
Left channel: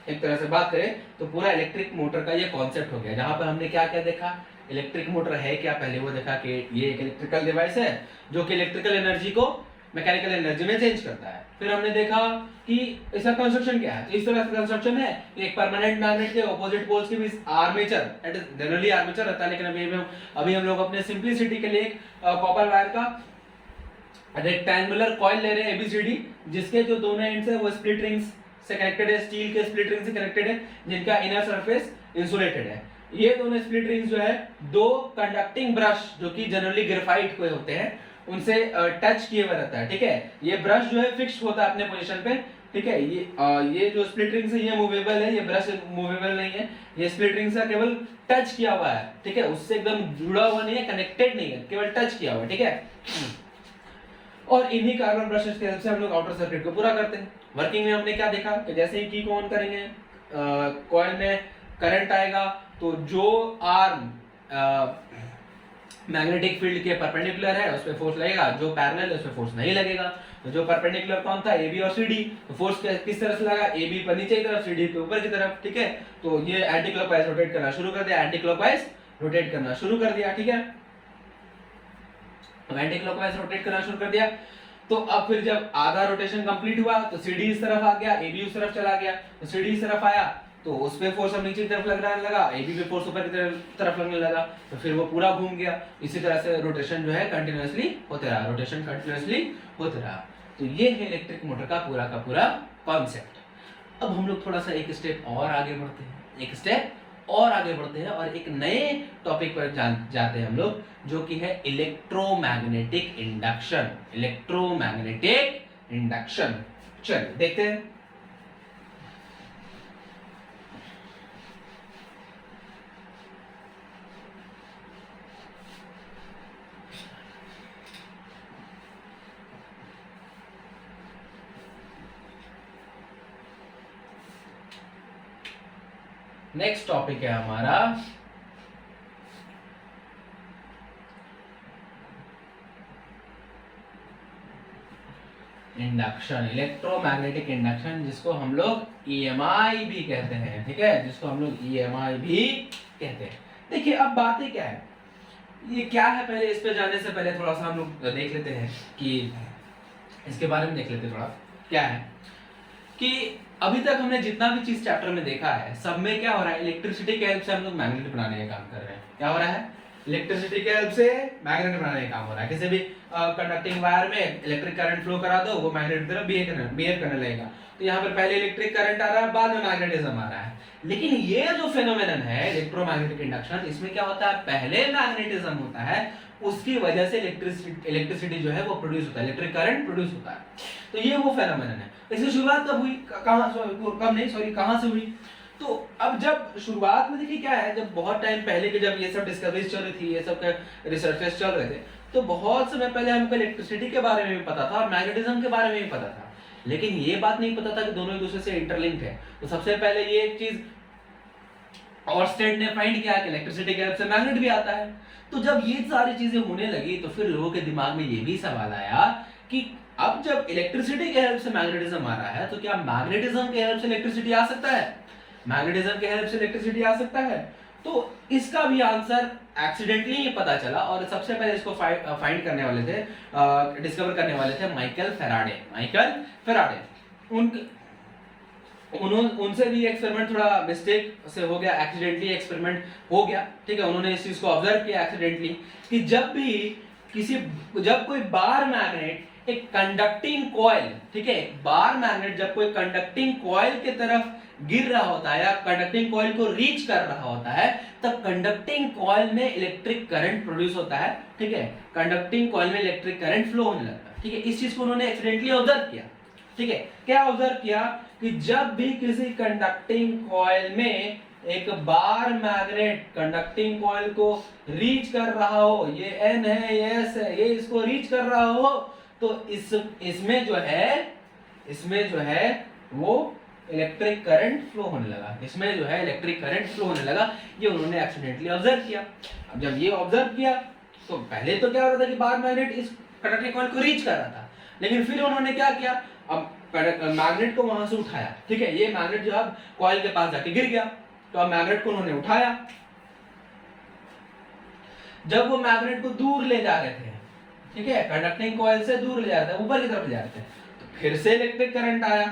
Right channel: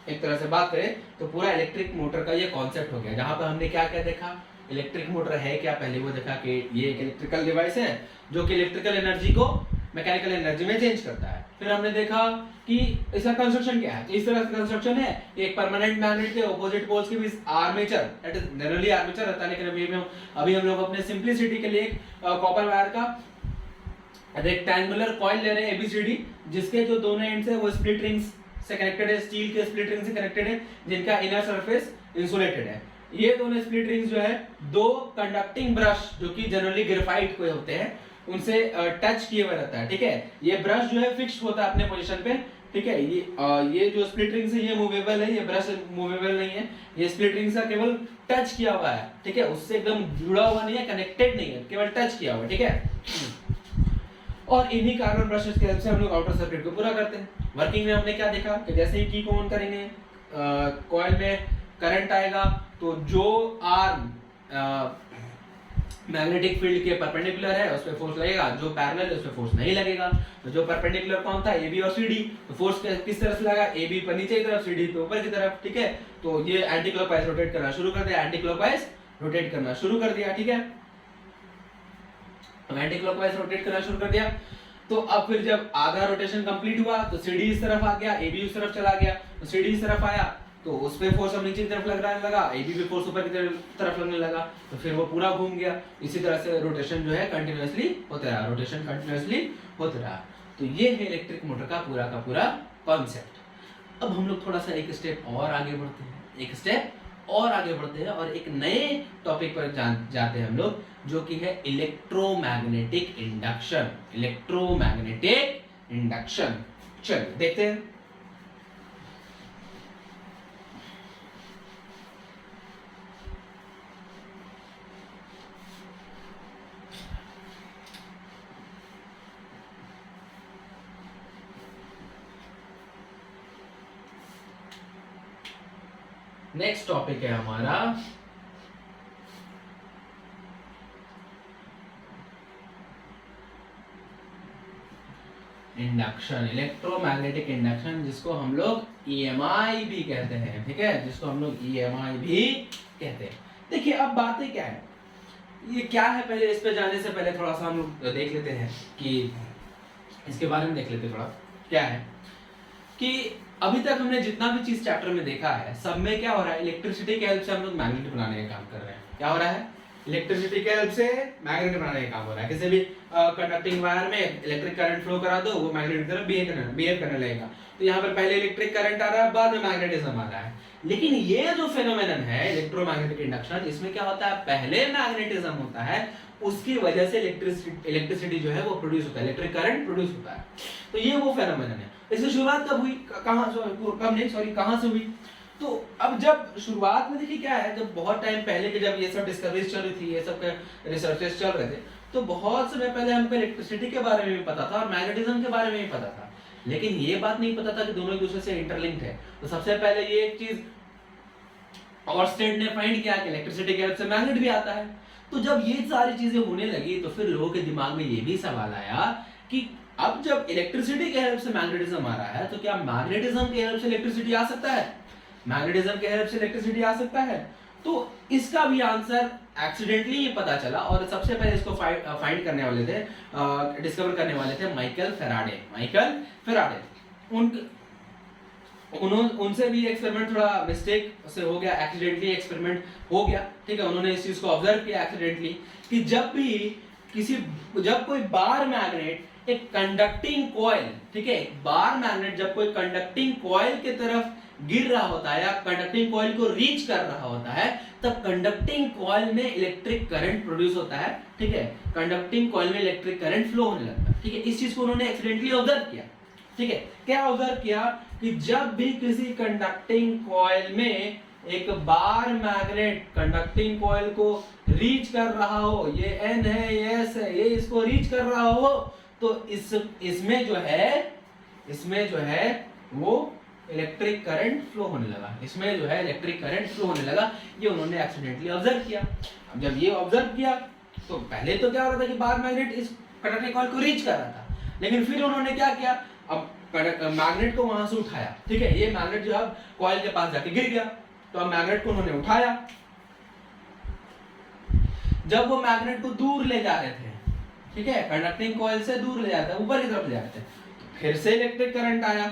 एक तरह से बात करें तो पूरा इलेक्ट्रिक मोटर का ये कॉन्सेप्ट हो गया, जहां पर हमने क्या क्या देखा, इलेक्ट्रिक मोटर है क्या, पहले वो देखा कि ये एक इलेक्ट्रिकल डिवाइस है जो कि इलेक्ट्रिकल एनर्जी को मैकेनिकल एनर्जी में चेंज करता है। फिर हमने देखा कि इसका कंस्ट्रक्शन क्या है, तो इस तरह से कंस्ट्रक्शन है, एक परमानेंट मैग्नेट के ऑपोजिट पोल्स के बीच armature, that is generally armature रहता है, लेकिन अभी हम लोग अपने सिंपलिसिटी के लिए एक कॉपर वायर का रेक्टेंगुलर कॉइल ले रहे हैं ABCD, जिसके जो दोनों एंड्स है वो स्प्लिट रिंग्स से कनेक्टेड है, स्टील के स्प्लिट रिंग से कनेक्टेड है, जिनका इनर सरफेस इंसुलेटेड है। ये दोनों स्प्लिट रिंग्स जो है दो कंडक्टिंग ब्रश जो कि जनरली ग्रेफाइट के होते हैं उनसे टच किए हुए रहता है, ठीक है। ये ब्रश जो है फिक्स्ड होता है अपने पोजीशन पे, ठीक है। ये जो स्प्लिट रिंग्स है ये मूवेबल है, ये ब्रश मूवेबल नहीं है, ये स्प्लिट रिंग्स का केवल टच किया हुआ है, ठीक है, उससे एकदम जुड़ा हुआ नहीं है, कनेक्टेड नहीं है, केवल टच किया हुआ है, ठीक है। और इन्हीं कार्बन ब्रशेस की हेल्प से हम लोग आउटर सर्किट को पूरा करते हैं। वर्किंग में हमने क्या देखा कि जैसे ही की को ऑन करेंगे कॉइल में करंट आएगा, तो जो आर्म मैग्नेटिक फील्ड के परपेंडिकुलर है उस पे फोर्स लगेगा, जो पैरेलल है उस पे फोर्स नहीं लगेगा। तो जो परपेंडिकुलर कौन था, AB और CD, तो फोर्स किस तरह से लगा, AB पर नीचे की तरफ, CD पे ऊपर की तरफ, ठीक है। तो ये एंटी क्लॉकवाइज रोटेट करना शुरू कर दिया, एंटी क्लॉकवाइज रोटेट करना शुरू कर दिया, ठीक है। तो एंटी क्लॉकवाइज रोटेट करना शुरू कर दिया। तो अब फिर जब आधा रोटेशन कंप्लीट हुआ तो CD इस तरफ आ गया, AB उस तरफ चला गया, तो CD इस तरफ आया तो उस पे फोर्स अब नीचे की तरफ लगने लगा, AB पे फोर्स ऊपर की तरफ लगने लगा, तो फिर वो पूरा घूम गया। इसी तरह से रोटेशन जो है कंटिन्यूअसली होता रहा, रोटेशन कंटिन्यूअसली होता रहा। तो ये है इलेक्ट्रिक मोटर का पूरा कॉन्सेप्ट। अब हम लोग थोड़ा सा एक स्टेप और आगे बढ़ते हैं और एक नए टॉपिक पर जाते हैं हम लोग, जो कि है इलेक्ट्रोमैग्नेटिक इंडक्शन। चलिए देखते हैं। नेक्स्ट टॉपिक है हमारा इंडक्शन, इलेक्ट्रोमैग्नेटिक इंडक्शन, जिसको हम लोग ईएमआई भी कहते हैं। ठीक है, जिसको हम लोग ईएमआई भी कहते हैं। देखिए अब बातें क्या है, ये क्या है, पहले इस पे जाने से पहले थोड़ा सा हम लोग देख लेते हैं कि इसके बारे में देख लेते हैं थोड़ा। क्या है कि अभी तक हमने जितना भी चीज चैप्टर में देखा है, सब में क्या हो रहा है, इलेक्ट्रिसिटी के हेल्प से हम लोग मैग्नेट बनाने का काम कर रहे हैं। क्या हो रहा है, इलेक्ट्रिसिटी के हेल्प से मैग्नेट बनाने का काम हो रहा है। किसी भी कंडक्टिंग वायर में इलेक्ट्रिक करंट फ्लो करा दो, वो मैग्नेट की तरह बिहेव करने लगेगा। तो यहाँ पर पहले इलेक्ट्रिक करंट आ रहा है, बाद में मैग्नेटिज्म आ रहा है। लेकिन ये जो फेनोमेनन है इलेक्ट्रोमैग्नेटिक इंडक्शन, इसमें क्या होता है, पहले मैग्नेटिज्म होता है, उसकी वजह से इलेक्ट्रिसिटी जो है वो प्रोड्यूस होता है, इलेक्ट्रिक करंट प्रोड्यूस होता है। तो ये वो फेनोमेनन है। इसकी शुरुआत कब हुई, कहां से हुई? तो अब जब शुरुआत में देखिए क्या है, जब बहुत टाइम पहले के जब ये सब डिस्कवरीज चल रही थी, ये सब रिसर्चेस चल रहे थे, तो बहुत समय पहले हमको इलेक्ट्रिसिटी के बारे में भी पता था और मैग्नेटिज्म के बारे में भी पता था। लेकिन ये बात नहीं पता था कि दोनों एक दूसरे से इंटरलिंक्ड है। तो सबसे पहले ये एक चीज ऑर्स्टेड ने फाइंड किया कि इलेक्ट्रिसिटी के हेल्प से मैग्नेट भी आता है। तो जब ये सारी चीजें होने लगी, तो फिर लोगों के दिमाग में ये भी सवाल आया कि अब जब इलेक्ट्रिसिटी के हेल्प से मैग्नेटिज्म आ रहा है, तो क्या मैग्नेटिज्म के हेल्प से इलेक्ट्रिसिटी आ सकता है? मैग्नेटिज्म के हेल्प से इलेक्ट्रिसिटी आ सकता है? तो इसका भी आंसर एक्सीडेंटली ही पता चला, और सबसे पहले इसको फाइंड करने वाले थे, डिस्कवर करने वाले थे माइकल फेराडे। उनसे भी एक्सपेरिमेंट थोड़ा मिस्टेक से हो गया, एक्सीडेंटली एक्सपेरिमेंट हो गया। ठीक है, उन्होंने इस चीज को ऑब्जर्व किया एक्सीडेंटली कि जब कोई बार मैग्नेट एक कंडक्टिंग कॉइल, ठीक है, बार मैग्नेट जब कोई कंडक्टिंग कॉइल की तरफ गिर रहा होता है या कंडक्टिंग कॉइल को रीच कर रहा होता है, तब कंडक्टिंग कॉइल में इलेक्ट्रिक करंट प्रोड्यूस होता है। ठीक है, कंडक्टिंग कॉइल में इलेक्ट्रिक करंट फ्लो होने लगता है। ठीक है, इस चीज को उन्होंने एक्सीडेंटली ऑब्जर्व किया। ठीक है, क्या ऑब्जर्व किया कि जब भी किसी कंडक्टिंग कॉइल में एक बार मैग्नेट कंडक्टिंग कॉइल को रीच कर रहा हो, ये N है, ये S है, ये इसको रीच कर रहा हो, तो इसमें जो है वो इलेक्ट्रिक करंट फ्लो होने लगा। ये उन्होंने एक्सीडेंटली ऑब्जर्व किया। अब जब ये ऑब्जर्व किया, तो पहले तो क्या होता था कि बार मैग्नेट इस कंडक्टिंग कॉइल को रीच कर रहा था, लेकिन फिर उन्होंने क्या किया, अब मैग्नेट को वहां से उठाया। ठीक है, ये मैग्नेट जो अब कॉइल के पास जाके गिर गया, तो अब मैग्नेट को उन्होंने उठाया। जब वो मैग्नेट को दूर ले जा रहे थे, ठीक है, कंडक्टिंग कॉइल से दूर ले जाते हैं, ऊपर की तरफ ले जाते हैं, तो फिर से इलेक्ट्रिक करंट आया।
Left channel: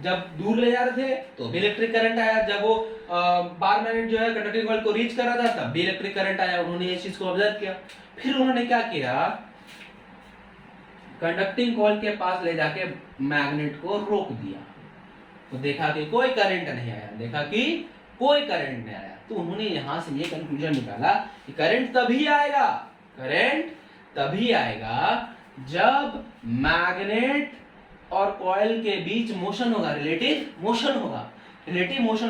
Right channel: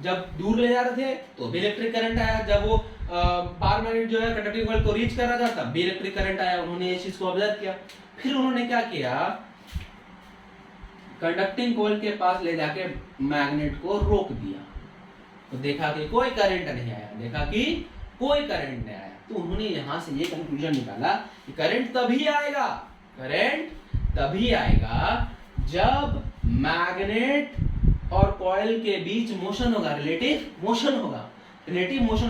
जब दूर ले जा रहे थे तो भी इलेक्ट्रिक करंट आया। जब वो बार मैग्नेट जो है कंडक्टिंग कॉइल को रीच कर रहा था, तब भी इलेक्ट्रिक करंट आया। उन्होंने इस चीज को ऑब्जर्व किया। फिर उन्होंने क्या किया, कंडक्टिंग कॉइल के पास ले जाके मैग्नेट को रोक दिया, तो देखा कि कोई करंट नहीं आया। तो उन्होंने यहां से ये कंक्लूजन निकाला कि करंट तभी आएगा जब मैग्नेट और कॉइल के बीच मोशन होगा, रिलेटिव मोशन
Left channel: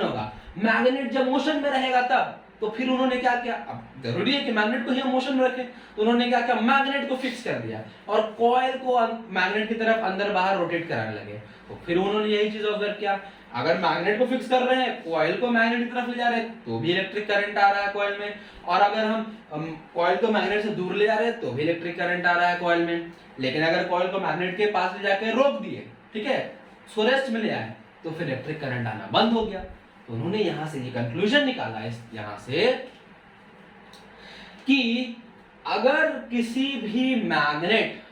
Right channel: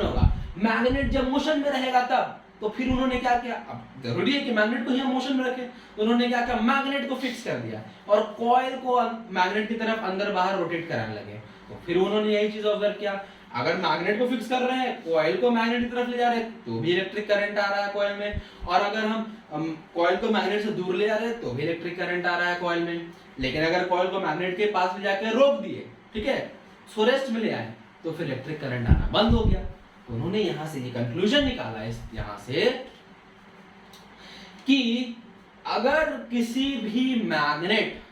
होगा। मैग्नेट जब मोशन में रहेगा तब, तो फिर उन्होंने क्या किया, अब जरूरी है कि मैग्नेट को ही हम मोशन में रखें, तो उन्होंने क्या किया, मैग्नेट को फिक्स कर दिया और कॉइल को मैग्नेट की तरफ अंदर बाहर रोटेट कराने लगे। तो फिर उन्होंने यही चीज ऑब्जर्व किया, अगर मैग्नेट को फिक्स कर रहे हैं, कॉइल को मैग्नेट की तरफ ले जा रहे हैं, तो भी इलेक्ट्रिक करंट आ रहा है कॉइल में, और अगर हम कॉइल को मैग्नेट से दूर ले जा रहे हैं, तो भी इलेक्ट्रिक करंट आ रहा है कॉइल में। लेकिन अगर कॉइल को मैग्नेट के पास ले जाकर रोक दिए, ठीक है, सो रेस्ट में ले आए, तो फिर इलेक्ट्रिक करंट आना बंद हो गया। तो उन्होंने यहां से ये कंक्लूजन निकाला यहां से कि अगर किसी भी मैग्नेट,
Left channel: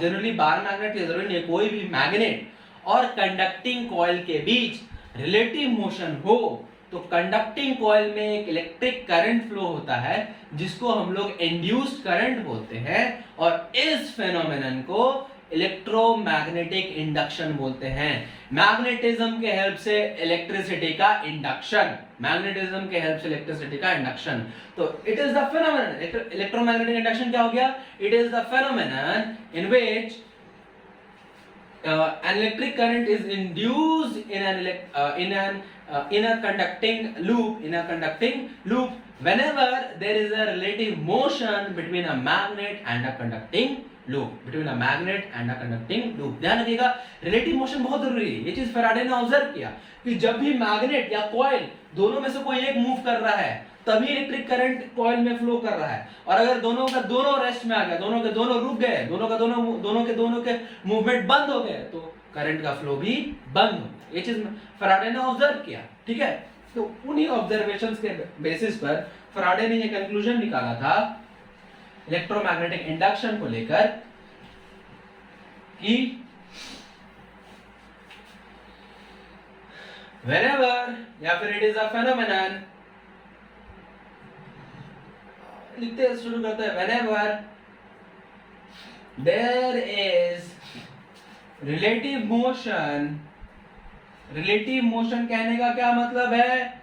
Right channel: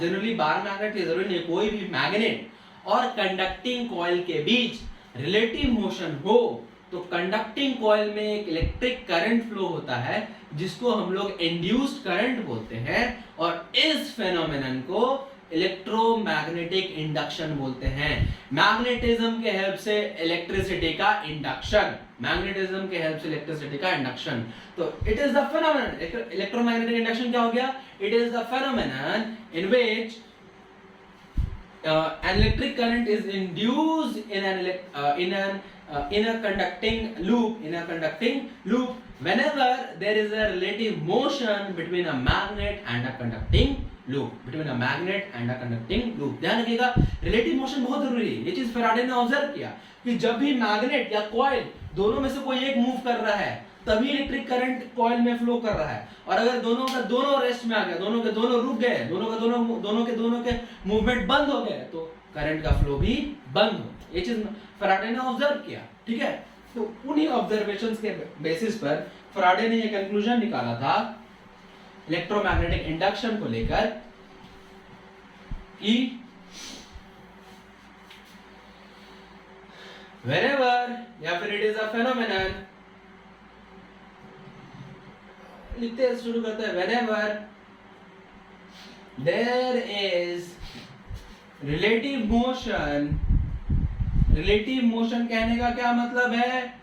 जनरली बार मैग्नेट की जरूरत नहीं, कोई भी मैग्नेट और कंडक्टिंग कॉइल के बीच रिलेटिव मोशन हो, तो कंडक्टिंग कॉइल में एक इलेक्ट्रिक करंट फ्लो होता है जिसको हम लोग इंड्यूस्ड करंट बोलते हैं, और इस फेनोमेनन को इलेक्ट्रोमैग्नेटिक इंडक्शन बोलते हैं। मैग्नेटिज्म के हेल्प से इलेक्ट्रिसिटी का इंडक्शन, मैग्नेटिज्म के हेल्प से इलेक्ट्रिसिटी का इंडक्शन। तो it is the phenomenon, electromagnetic induction क्या हो गया? It is the phenomenon in which an electric current is induced in a conducting loop whenever there is a relative motion between a magnet and a conducting loop, ध्यान रखिएगा, रिलेटिव मोशन बहुत जरूरी है। ये चीज फैराडे ने ऑब्जर्व किया कि जब भी मैग्नेट या कॉइल दोनों में से कोई एक मूव कर रहा है तभी इलेक्ट्रिक करंट कॉइल में फ्लो कर रहा है, और अगर दोनों का दोनों रेस्ट में आ गया, दोनों के दोनों रुक गए, दोनों के मूवमेंट बंद हो गए, तो करंट का फ्लो भी बंद हो गया। ये चीज फैराडे ने ऑब्जर्व किया, ठीक है। तो उन्हीं ऑब्जर्वेशंस के बेसिस पर फैराडे ने ये कंक्लूजन निकाला था इलेक्ट्रोमैग्नेटिक इंडक्शन को लेकर कि whenever, या फिर it is a phenomenon, लिखते शुरू करते हैं, whenever there is relative motion कहने का क्या मतलब है?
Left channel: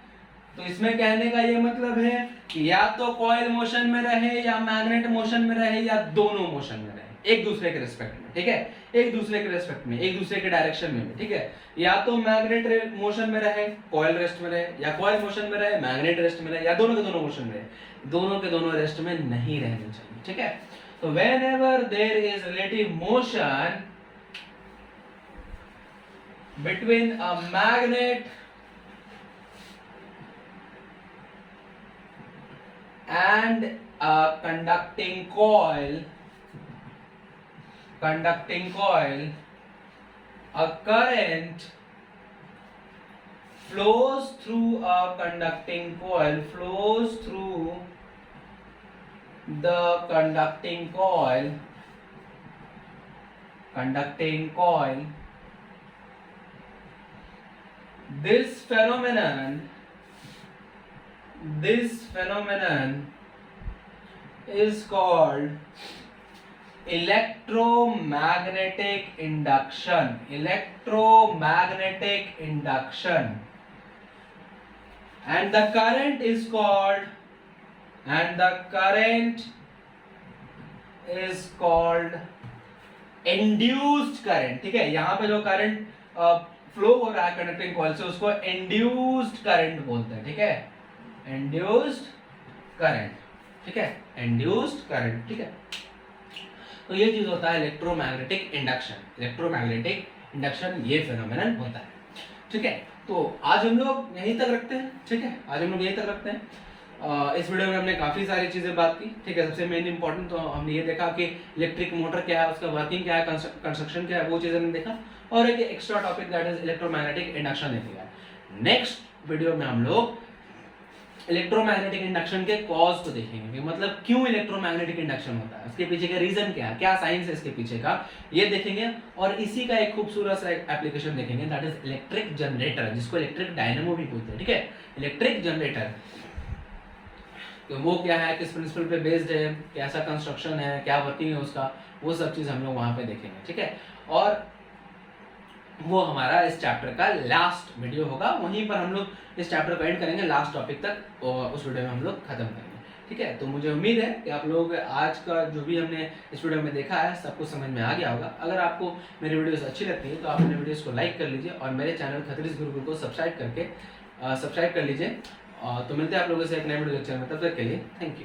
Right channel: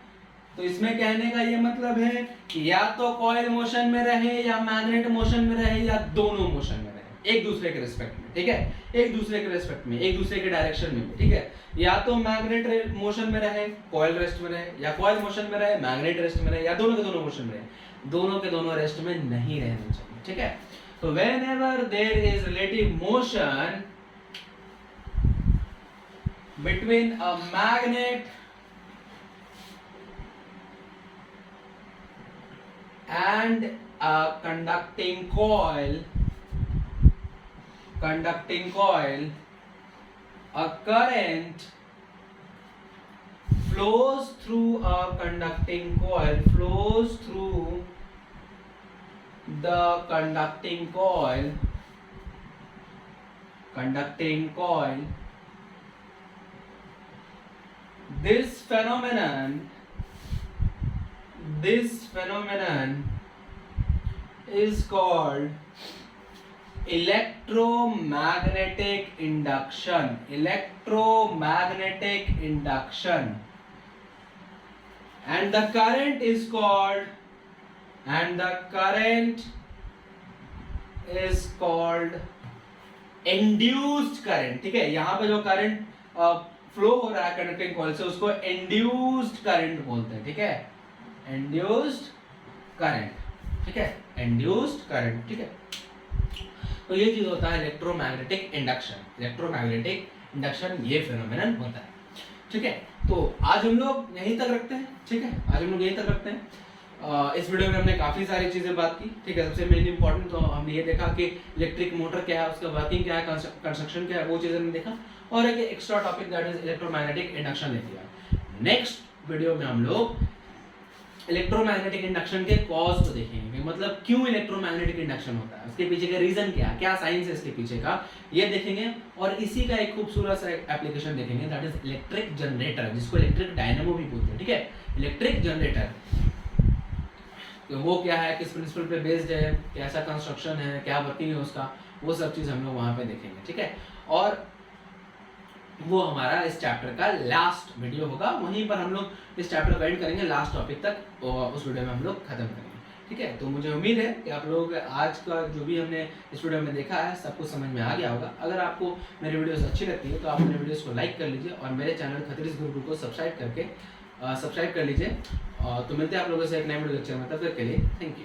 तो इसमें कहने का ये मतलब है कि या तो कॉइल मोशन में रहे या मैग्नेट मोशन में रहे या दोनों मोशन में रहे, एक दूसरे के रिस्पेक्ट में, ठीक है, एक दूसरे के रिस्पेक्ट में, एक दूसरे के डायरेक्शन में, ठीक है। या तो मैग्नेट मोशन में रहे, कॉइल रेस्ट में रहे, या कॉइल मोशन में रहे, मैग्नेट रेस्ट में रहे, या दोनों के दोनों मोशन में रहे, दोनों के दोनों रेस्ट में नहीं रहने चाहिए, ठीक है। तो whenever there is relative motion between a magnet and a conducting coil, a current flows through a conducting coil, the conducting coil. This phenomenon is called electromagnetic induction. And the current is called induced current, ठीक है। यहाँ पे जो करंट फ्लो हो रहा है कंडक्टिंग कॉइल से उसको इंड्यूस्ड करंट बोलते हैं, ठीक है, इंड्यूस्ड करंट, ठीक है, इंड्यूस्ड करंट, ठीक है। तो ये चीज होता है इलेक्ट्रोमैग्नेटिक इंडक्शन, ये फेनोमेनन होता है, ठीक है। तो आज हम लोग यहीं तक रखते हैं, ठीक है, इस वीडियो में हमने काफी सारी चीजें बात की, ठीक है। सबसे मेन इंपॉर्टेंट तो हमने ये देखा कि इलेक्ट्रिक मोटर क्या है, उसका वर्किंग क्या है, कंस्ट्रक्शन क्या है, वो चीजें हमने देखा, और एक extra topic that is electromagnetic induction ले लिया। नेक्स्ट वीडियो में हम लोग इलेक्ट्रोमैग्नेटिक इंडक्शन के कॉज को देखेंगे, मतलब क्यों इलेक्ट्रोमैग्नेटिक इंडक्शन होता है, उसके पीछे का रीजन क्या है, क्या साइंस है इसके पीछे का, ये देखेंगे। और इसी का एक खूबसूरत सा एप्लीकेशन देखेंगे दैट इज इलेक्ट्रिक जनरेटर, जिसको इलेक्ट्रिक डायनेमो भी बोलते हैं, ठीक है, इलेक्ट्रिक जनरेटर। तो वो क्या है, किस प्रिंसिपल पे बेस्ड है, कैसा कंस्ट्रक्शन है, क्या वर्किंग है उसका, वो सब चीज हम लोग वहां पे देखेंगे, ठीक है। और वो हमारा इस चैप्टर का लास्ट वीडियो होगा, वहीं पर हम लोग इस चैप्टर को एंड करेंगे, लास्ट टॉपिक तक, और उस वीडियो में हम लोग खत्म करेंगे, ठीक है। तो मुझे उम्मीद है कि आप लोग आज का जो भी हमने इस वीडियो में देखा है सब कुछ समझ में आ गया होगा। अगर आपको मेरी वीडियोस अच्छी लगती है तो आप मेरे वीडियोस को लाइक कर लीजिए और मेरे चैनल खतरीज गुरुकुल को सब्सक्राइब कर लीजिए। तो मिलते हैं आप लोगों से एक नए वीडियो लेक्चर में, तब तक के लिए थैंक यू।